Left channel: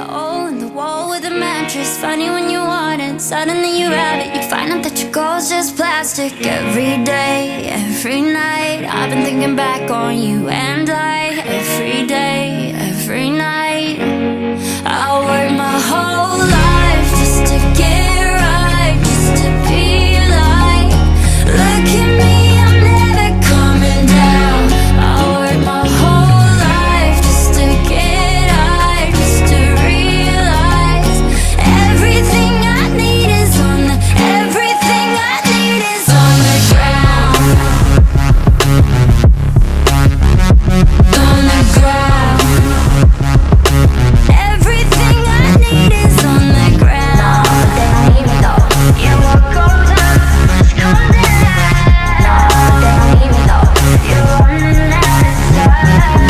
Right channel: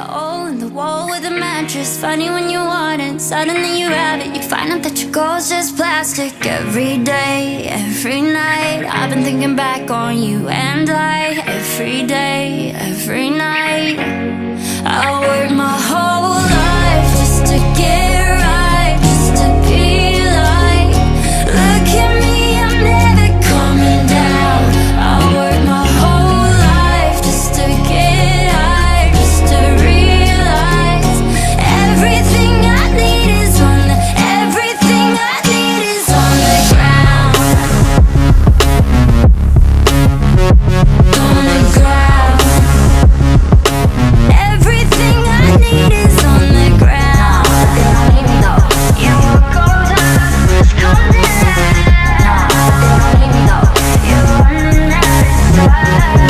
the hole in the wall with a mattress. Funny when you want it, suddenly you have it. You find out that your goal's just plastic. Every day, every night, I've been thinking back on you and I. Every day, every night, I work my whole life just to get right, just to be like, look at me, I'm never coming down. I work my whole life just to get high, just to realize everything I need is on the, everything I need is on the ground. On the ground. Everything I need is on the ground. No, but they don't need me though. Yeah, what goes up must come down. No, but they don't need me though. You're running out of time.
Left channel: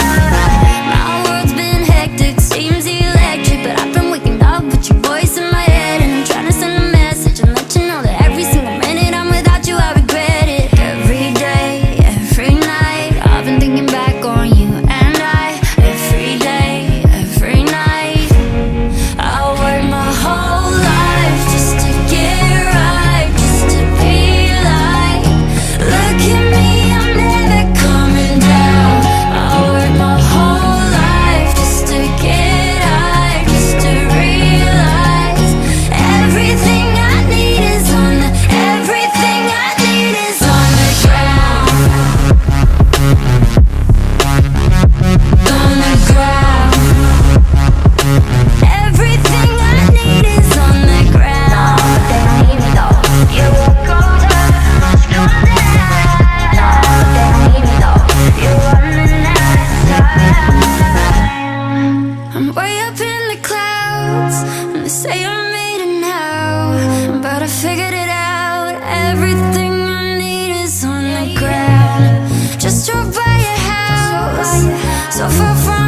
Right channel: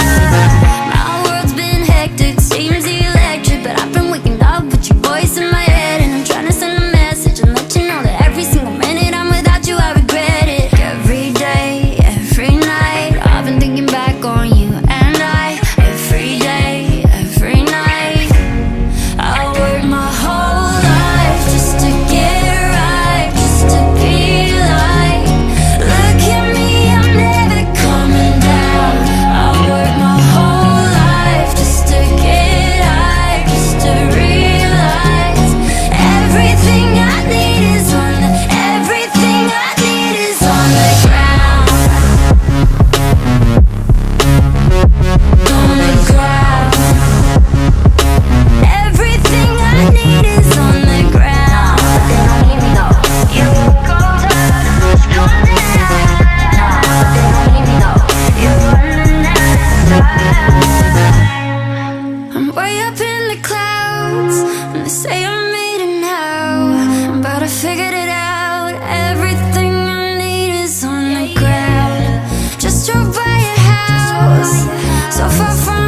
My world's been hectic, seems electric, but I've been waking up with your voice in my head, and I'm trying to send a message and let you know that every single minute I'm without you, I regret it. Every day, every night, I've been thinking back on you and I. Every day, every night, I work my whole life just to get right, just to be like, look at me, I'm never coming down. I work my whole life just to get high, just to realize everything I need is on the, everything I need is on the ground. On the ground. Everything I need is on the ground. No, but they don't need me though. Yeah, what goes up must come down. No, but they don't need me though. You're running out of time. I'm way up in the clouds, and they say I made it now, but I figured it out. Everything I need is on the ground. Just drove by your house, so far from